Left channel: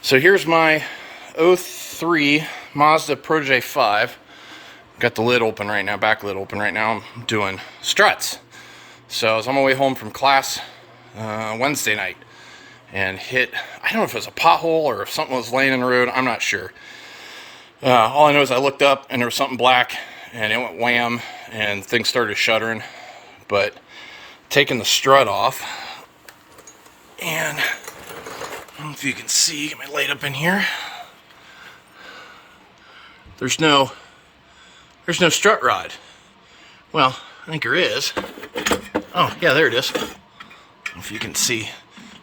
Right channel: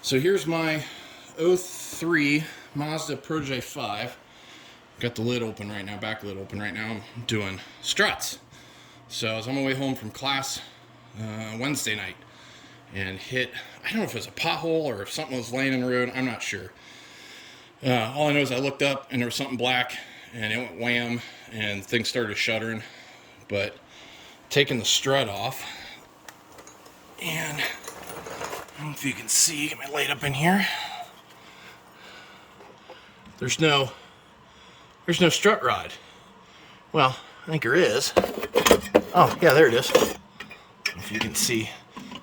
So here's my '03 Mazda Protege 5. Got the lid open right now, back lid open right now. I'm doing struts. So I was on my way home from class Wednesday night and hit, I don't know if it was a pothole or if something was laying in the road, I'm not sure. All I know is I looked up and there was something black and it went wham and things started shuddering. But taking the strut off, and I don't know if you can see, get my light up in here. There's no strut rod. Well, I think there is. Oh, yeah, there it is. If you can see.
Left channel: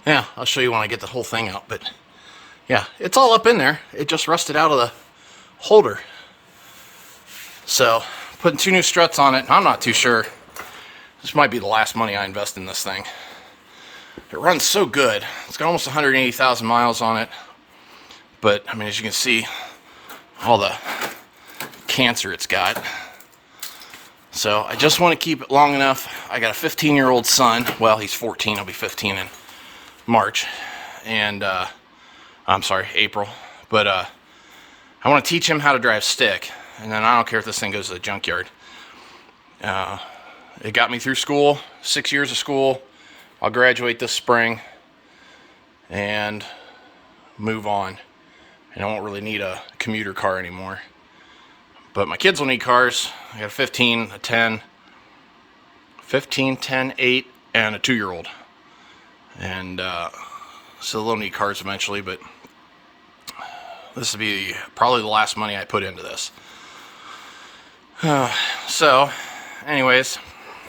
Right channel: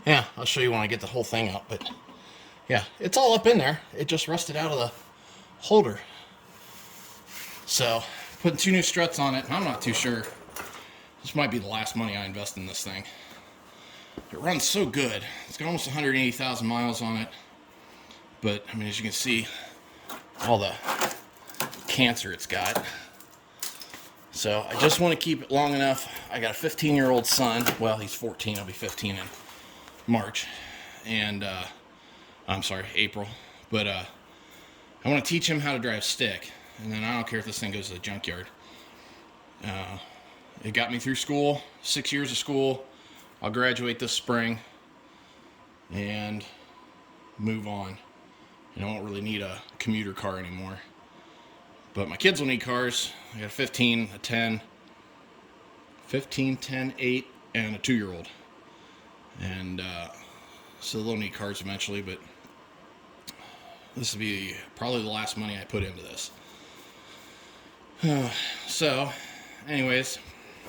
Yeah, I'll show you when I get the whole thing out, but yeah, it's all up in there. It just rusted out of the holder. So, putting 2 new struts on it, I'm not too sure. This might be the last money I invest in this thing. It runs so good. It's got almost 180,000 miles on it. But, I mean, as you can see, all the cancer it's got. So, I just want to keep it long enough. I got a 15-year-old son. Well, he's 14. He'll be 15 in March. And, I'm sorry, April. But, I want to teach him how to drive stick. And then I don't care if this thing goes to the junkyard. It got me through school, 6 years of school. I'll graduate this spring and move on. And I won't really need a commuter car anymore. But my kids will need cars. I got a 15, a 10, 15, 10, 8, and a 2-year-old. And so they'll need cars eventually, but this will be probably the last money I put into this. So, anyways,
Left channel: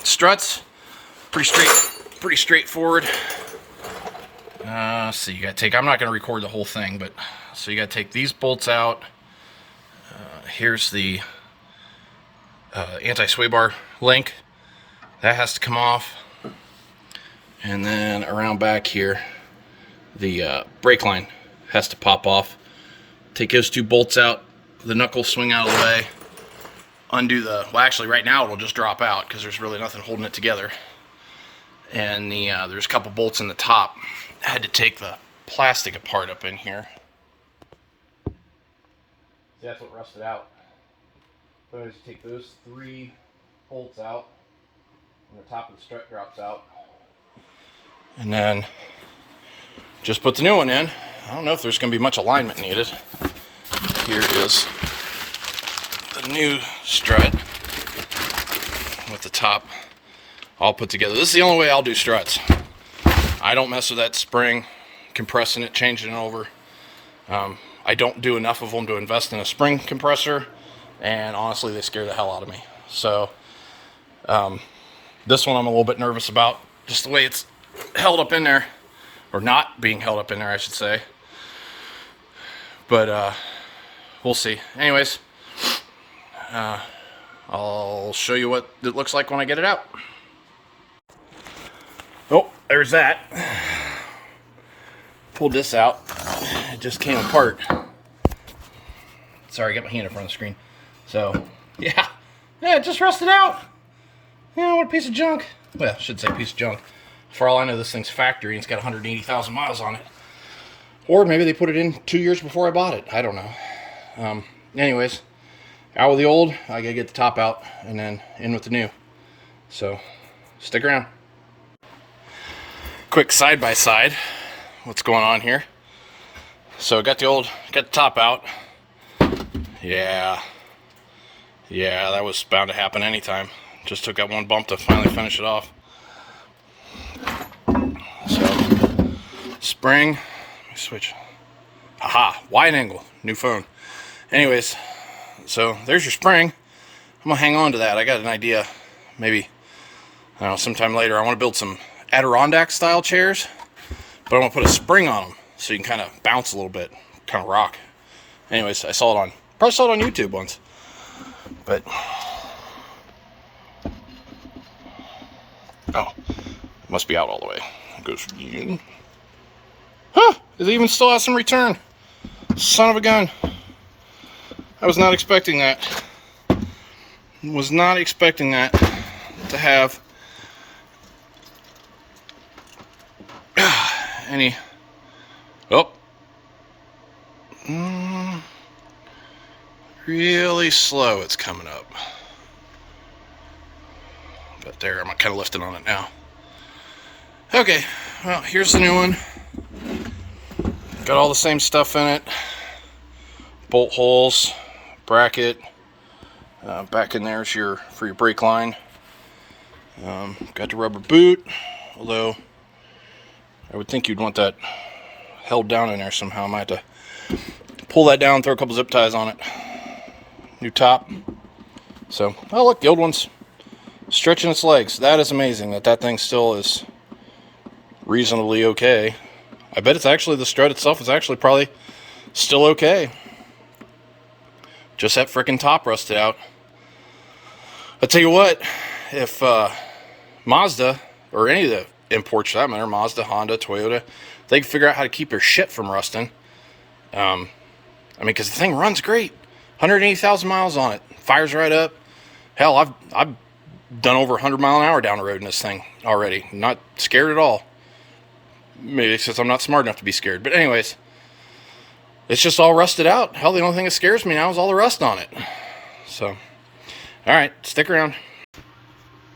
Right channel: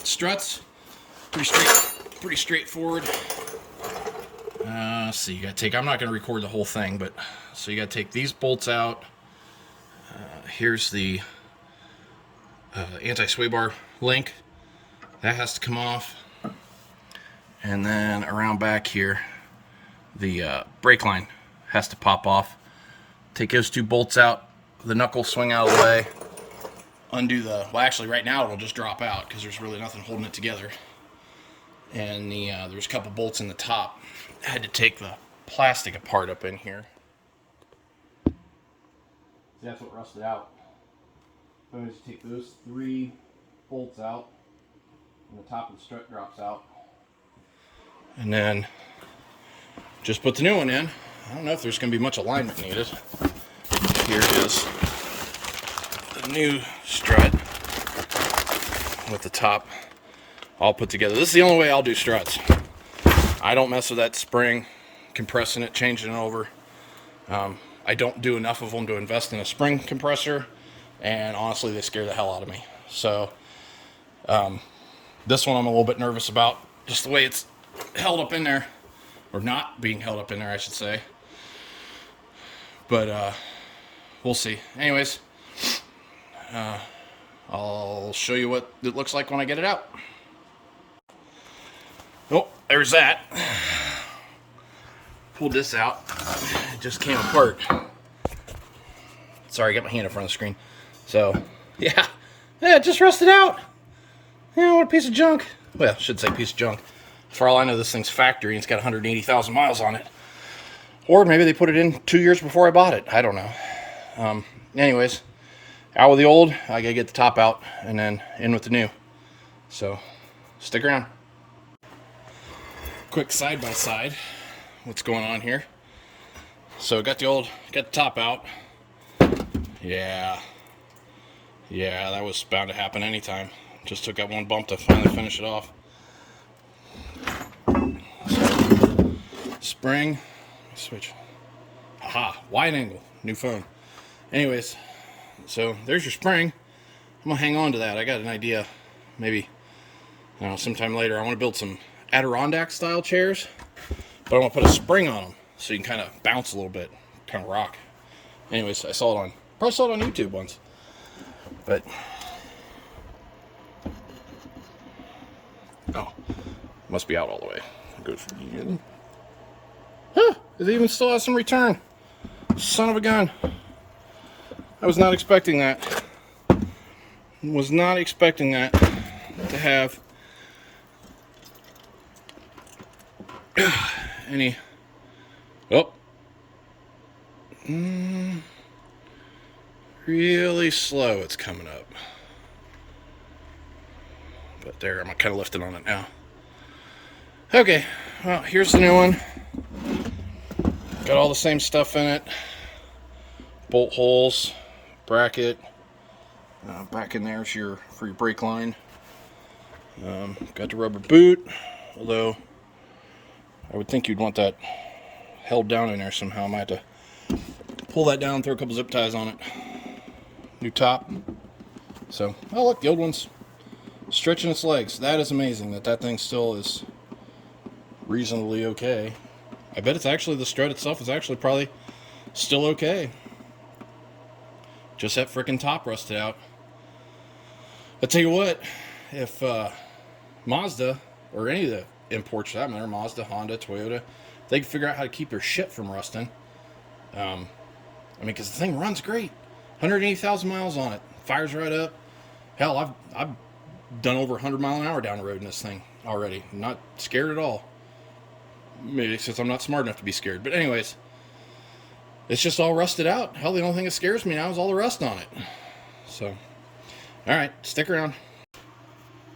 struts, pretty straightforward. So you gotta take, I'm not gonna record the whole thing, but so you gotta take these bolts out. Here's the anti-sway bar link. That has to come off. And then around back here, the brake line has to pop off. Take those 2 bolts out, the knuckles swing out of the way. Undo the, well actually right now it'll just drop out because there's really nothing holding it together. And the there's a couple bolts in the top. I had to take the plastic apart up in here. See, that's what rusted out. So I just take those 3 bolts out and the top of the strut drops out. And then just put the new one in. I don't know if there's going to be much alignment needed. Here is the new strut with the top all put together. This is the only way I'll do struts. I don't mess with that spring, compressing it, changing it over. I don't do enough of them to invest in a spring compressor, and honestly they scare the hell out of me. So this one I'm a little bit nervous about, just the way it's held up in there, or not being held up in there I should say. But we'll see. Anyways, I'll show you what it looks like when I get it out. Oh, there's that. Pulled this out. It just came apart. Sorry, I got my hand in front of the screen. So, yeah, it just rusted out. Yeah, what a piece of junk. Well, I should say piece of junk. For all I know, this thing's factory and it's got 180,000 miles on it. Or maybe they put it in 2 years before I bought it. I don't know. Anyways, out with the old, I gotta get the top out and then in with the new. So, stick around. Quick side-by-side, what's going on here. So, got the top out. Yeah, that was bound to happen anytime. Just took that one bump to finally finish it off. So, spring, let me switch. Aha, wide angle, new phone. Anyways, so there's your spring. I'm gonna hang on to that. I got an idea, maybe, I don't know, sometime later. I want to build some Adirondack style chairs, but I want to put a spring on them so you can kind of bounce a little bit, kind of rock. Anyways, I saw it probably saw it on YouTube once, but oh, it must be out all the way. It goes in. Huh, it even still has some return. Son of a gun. I was not expecting that. Was not expecting that to have any. Oh, Really slow it's coming up. But there, I'm kind of lifting on it now. Okay, well, here's the new one. Got all the same stuff in it. Bolt holes, bracket. Back in there's for your brake line. Got the rubber boot, although I would think you'd want that held down in there somehow. I might have to pull that down, throw a couple zip ties on it. New top. So, oh look, the old one's stretching its legs. That is amazing that thing still is reasonably okay. I bet it's actually, the strut itself is actually probably still okay. Just that frickin' top rusted out. I tell you what, if Mazda, or any of the imports for that matter, Mazda, Honda, Toyota, they can figure out how to keep their shit from rusting. I mean, because the thing runs great. 180,000 miles on it. Fires right up. Hell, I've done over 100 mile an hour down the road in this thing already. Not scared at all. Maybe since I'm not smart enough to be scared. But anyways, it's just all rusted out. Hell, the only thing that scares me now is all the rust on it. So, alright, stick around.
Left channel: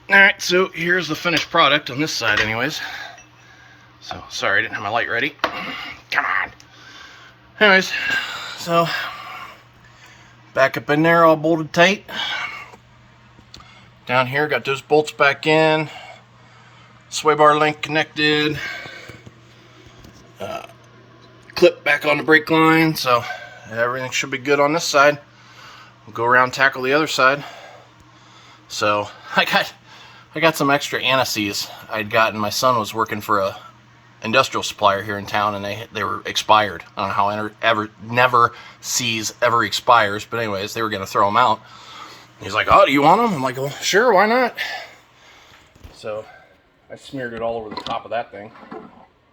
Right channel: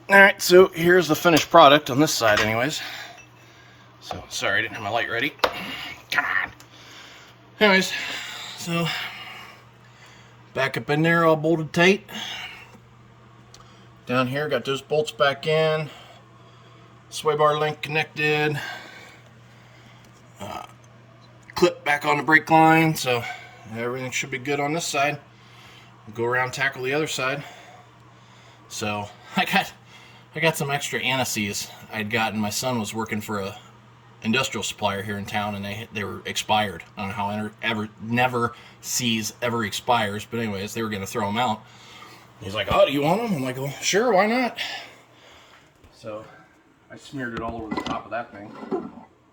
Alright, so here's the finished product on this side anyways. So, sorry, I didn't have my light ready. Come on. Anyways, so, back up in there, all bolted tight. Down here, got those bolts back in. Sway bar link connected. Clip back on the brake line, so everything should be good on this side. We'll go around, tackle the other side. So, I got some extra anti-seize I'd gotten. My son was working for a industrial supplier here in town, and they were expired. I don't know how never sees ever expires, but anyways, they were going to throw them out. He's like, oh, do you want them? I'm like, well, sure, why not? So I smeared it all over the top of that thing.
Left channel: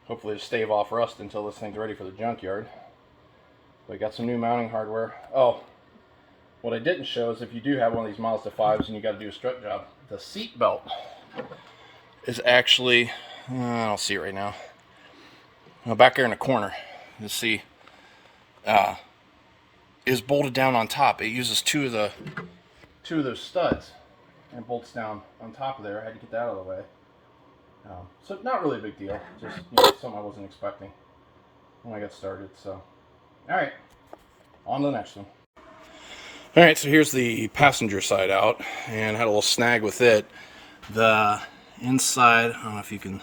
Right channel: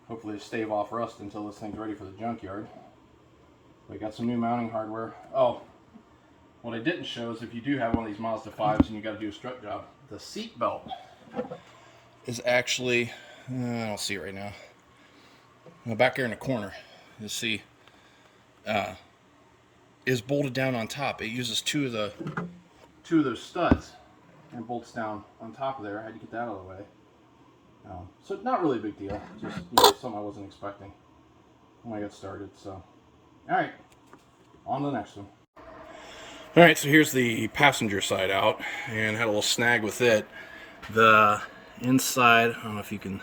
Hopefully to stave off rust until this thing's ready for the junkyard. But I got some new mounting hardware. Oh, what I didn't show is if you do have one of these Mazda 5s and you got to do a strut job, the seat belt is actually, I don't see it right now. Back there in the corner, you see, is bolted down on top. It uses two of those studs and bolts down on top of there. I had to get that out of the way. So not really a big deal. Just something I wasn't expecting when I got started. So, all right, on to the next one. All right, so here's the passenger side out, and had a little snag with it. The inside, I don't know if you can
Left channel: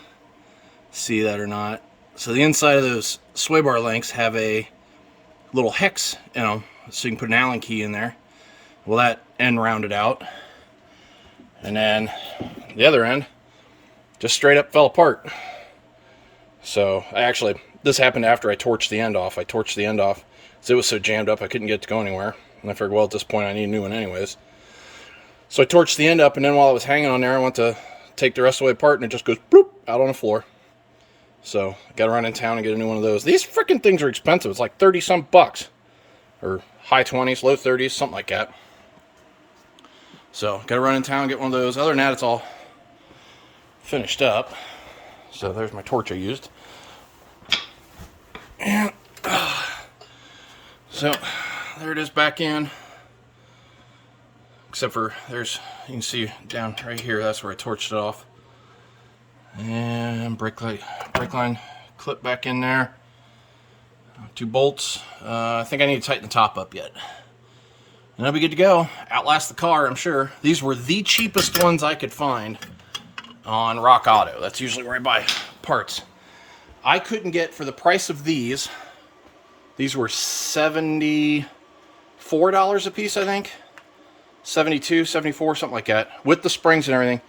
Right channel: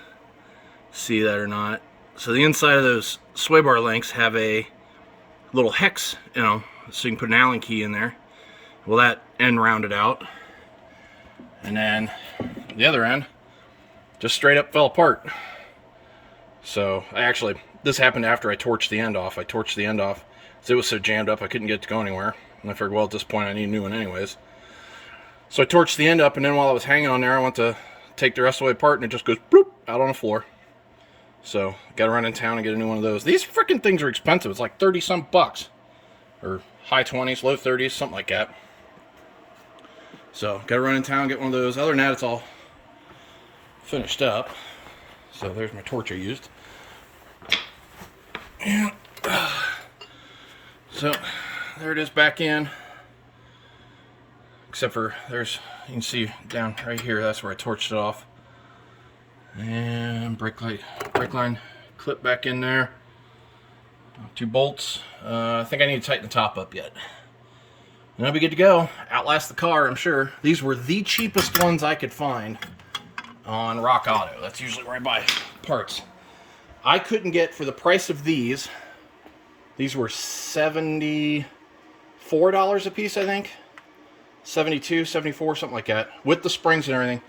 see that or not. So the inside of those sway bar links have a little hex in them, so you can put an Allen key in there. Well, that end rounded out, and then the other end just straight up fell apart. So this happened after I torched the end off. I torched the end off because it was so jammed up I couldn't get it to go anywhere. And I figured, well, at this point I need a new one anyways. So I torched the end up, and then while it was hanging on there, I went to take the rest of the way apart, and it just goes bloop out on the floor. So I got to run in town and get a new one of those. These freaking things are expensive. It's like 30 some bucks, or high 20s, low 30s, something like that. So got to run in town and get one of those. Other than that, it's all finished up. So there's my torch I used. And so there it is back in. Except for you can see down right here, that's where I torched it off. And brake line clip back in there. 2 bolts. I think I need to tighten the top up yet. And I'll be good to go. Outlast the car, I'm sure. These were the cheapest ones I could find on Rock Auto. That's usually where I buy parts. I couldn't get, for the price of these were $74 a piece, I think. 72, 74, something like that, with the springs and everything.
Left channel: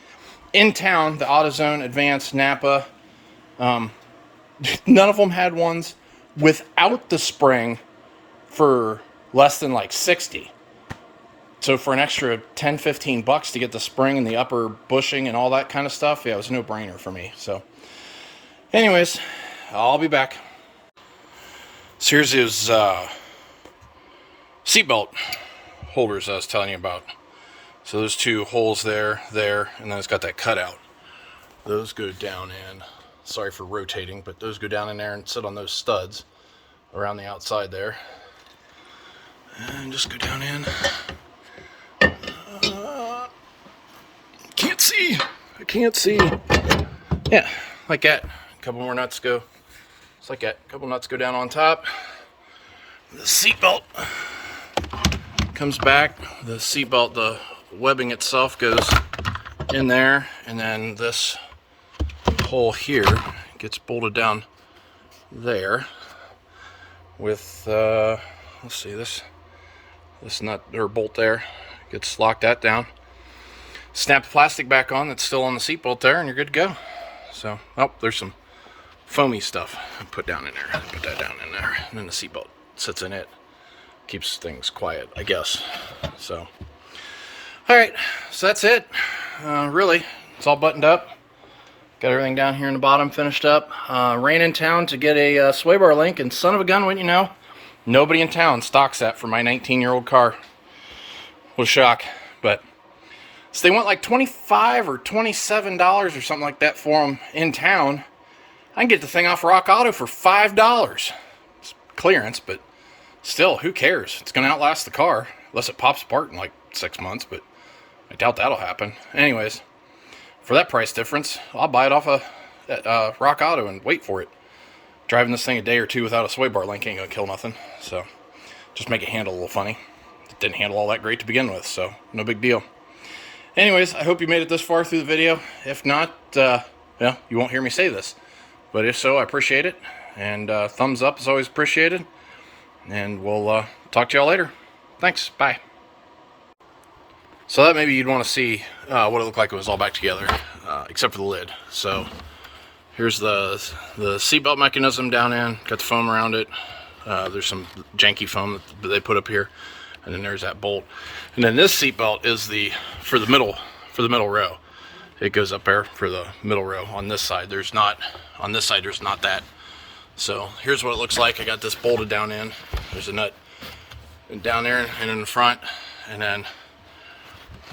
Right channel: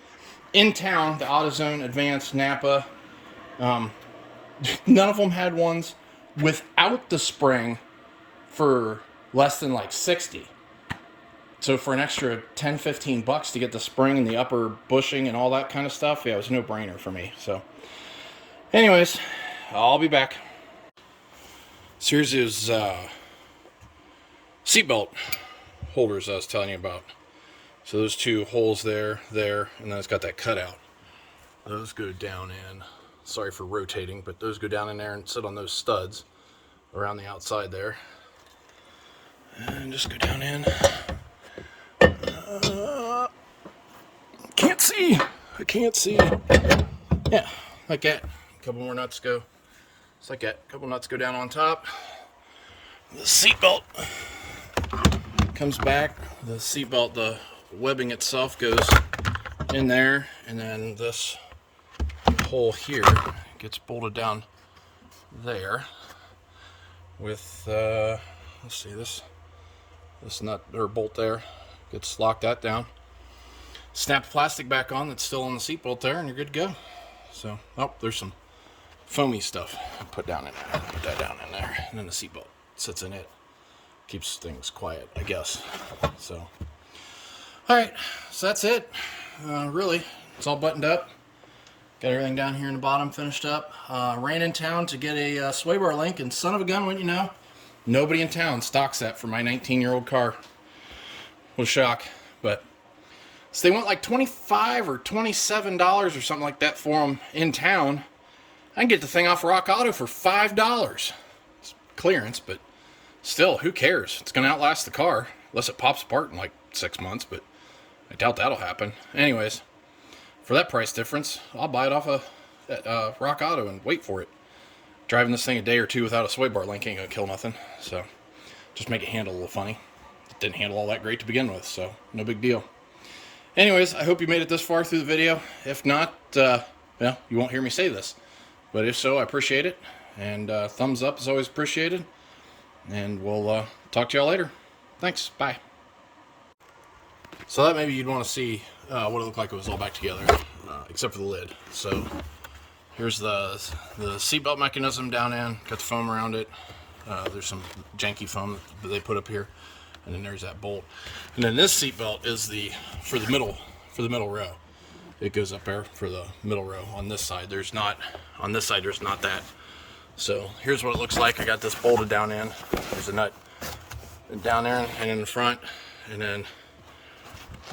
In town, the AutoZone, Advance, Napa, none of them had ones without the spring for less than like 60. So for an extra 10, 15 bucks to get the spring and the upper bushing and all that kind of stuff, yeah, it was a no-brainer for me. So anyways, I'll be back. So here's his seatbelt holders I was telling you about. So there's 2 holes there, and then it's got that cutout. Those go down in, sorry for rotating, but those go down in there and sit on those studs around the outside there. And just go down in. Can't see. I can't see. Yeah, like that. A couple more nuts go. Just like that. A couple nuts go down on top. The seatbelt comes back. The seatbelt, the webbing itself goes in there, and then this hole here gets bolted down there with let's see, this nut or bolt there gets locked that down. Snap the plastic back on that's still on the seatbelt there, and you're good to go. So, oh, there's some foamy stuff I put down in there. Put that down in there, and then the seatbelt sits in it. Keeps things quiet, I guess. So, all right, so that's it. Really, it's all buttoned up. Got everything down here in the bottom finished up. Ran in town to get a sway bar link, and son of a gun, wouldn't you know, nobody in town stocks that for my 19-year-old car. What a shock. But so they went like $25 or $27 or something like that for them in town. I can get the thing off Rock Auto for $5. It's clearance, but still, who cares? It's going to outlast the car, unless it pops apart in like 6 months, but I doubt that'll happen. Anyways, for that price difference, I'll buy it off of Rock Auto and wait for it. Driving this thing a day or two without a sway bar link ain't going to kill nothing. So, just make it handle a little funny. It didn't handle all that great to begin with, so no big deal. Anyways, I hope you made it this far through the video. If not, well, you won't hear me say this. But if so, I appreciate it. And thumbs up is always appreciated. And we'll talk to y'all later. Thanks. Bye. So that maybe you'd want to see what it looked like it was all back together, except for the lid. So here's the seatbelt mechanism down in. Got the foam around it. There's some janky foam that they put up here. And then there's that bolt. And then this seatbelt is for the middle row. It goes up there for the middle row. On this side, there's not that. So here's what it looks like. I got this bolted down in. There's a nut down there and in the front, and then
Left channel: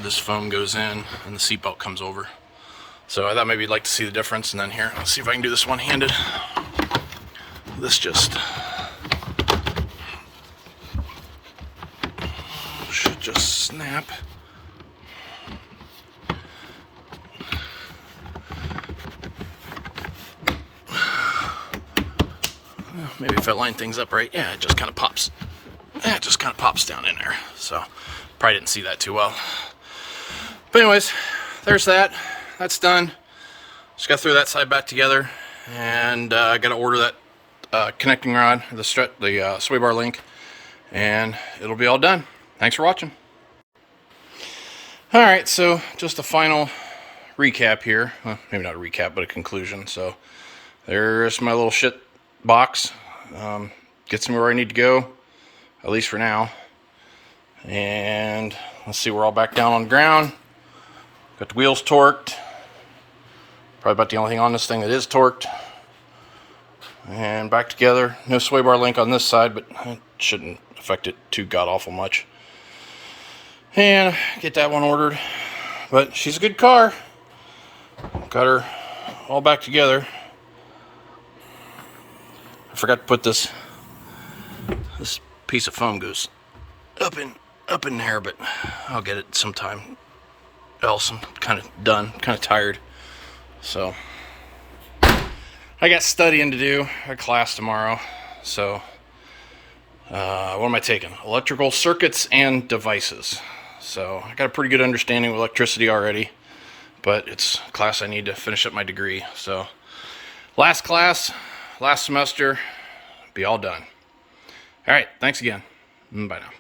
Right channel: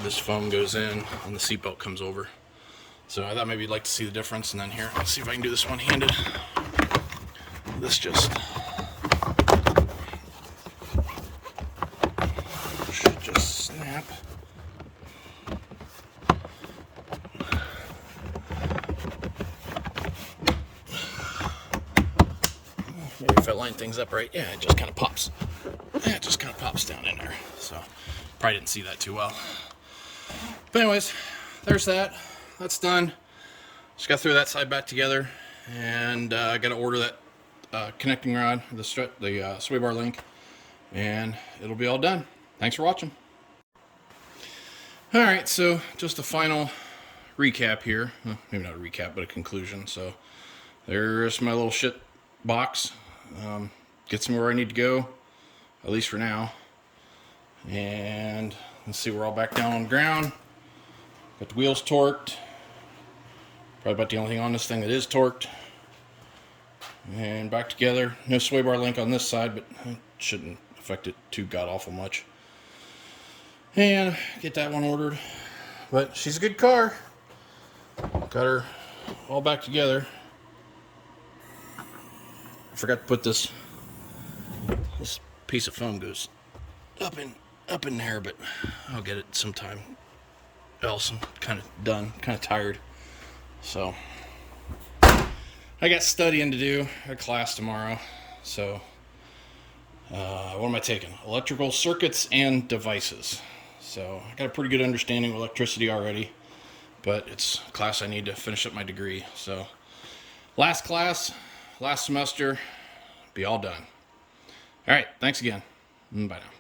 this foam goes in and the seatbelt comes over. So I thought maybe you'd like to see the difference. And then here, let's see if I can do this one-handed. This should just snap. Maybe if I line things up right, yeah, it just kind of pops. Yeah, it just kind of pops down in there. So, probably didn't see that too well. But anyways, there's that. That's done. Just got to throw that side back together, and I got to order that connecting rod, the sway bar link, and it'll be all done. Thanks for watching. All right, so just a final recap here. Well, maybe not a recap, but a conclusion. So, there's my little shit box. Gets me where I need to go, at least for now. And let's see, we're all back down on the ground. Got the wheels torqued. Probably about the only thing on this thing that is torqued. And back together. No sway bar link on this side, but it shouldn't affect it too god-awful much. And get that one ordered. But she's a good car. Got her all back together. I forgot to put this piece of foam goes up in there, but I'll get it sometime else. I'm kind of done, kind of tired. So I got studying to do. I got class tomorrow. So what am I taking? Electrical circuits and devices. So I got a pretty good understanding of electricity already, but it's a class I need to finish up my degree. So last class, last semester, be all done. All right, thanks again. Bye now.